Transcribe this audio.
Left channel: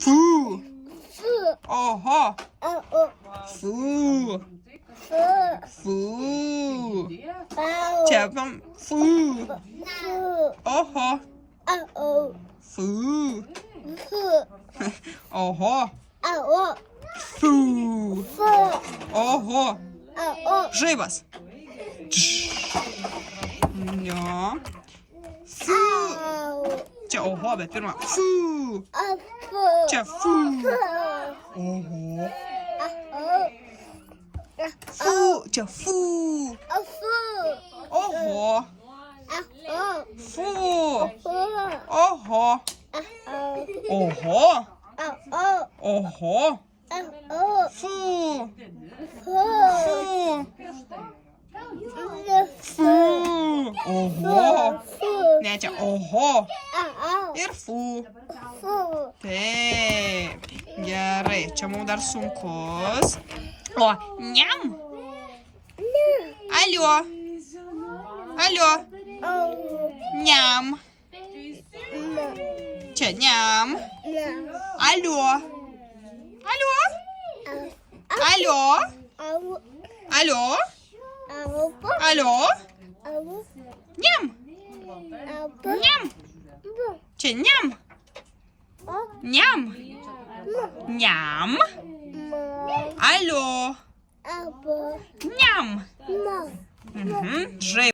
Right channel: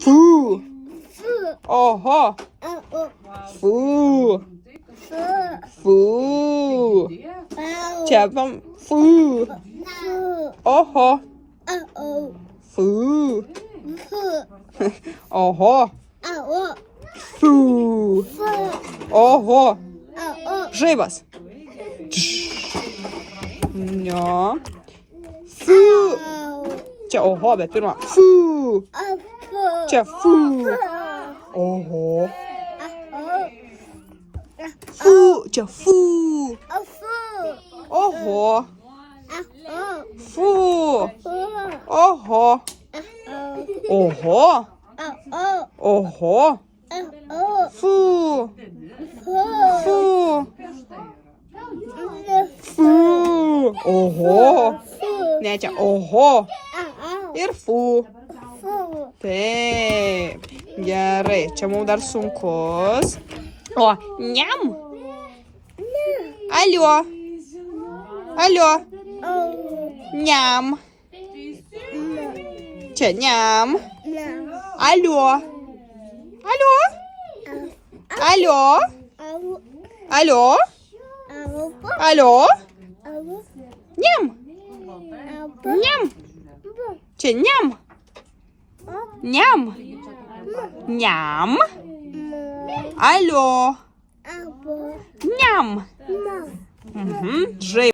Фу. Ого. Фу. Фу. Чапам. Фу. Ого. Фу. Ого. Фу. Ого. Живас. Ня. Фу. Ча ого, бе, pirmā. Фу. Ча фу. Ого. Фу. Ча фу. Ого. Фу. Ого. Ого. Ого. Фу. Фу. Фу. Ого. Не, ча ого. Ir fu. Taip. Gerai, čia mums dar sunkus. O, niam. Alio. Alio. Niam. Čia niam. Alio. Alio. Alio. Alio. Alio. Niam. Niam. Čia niam. Niam. Niam. Alio. Niam. Žai.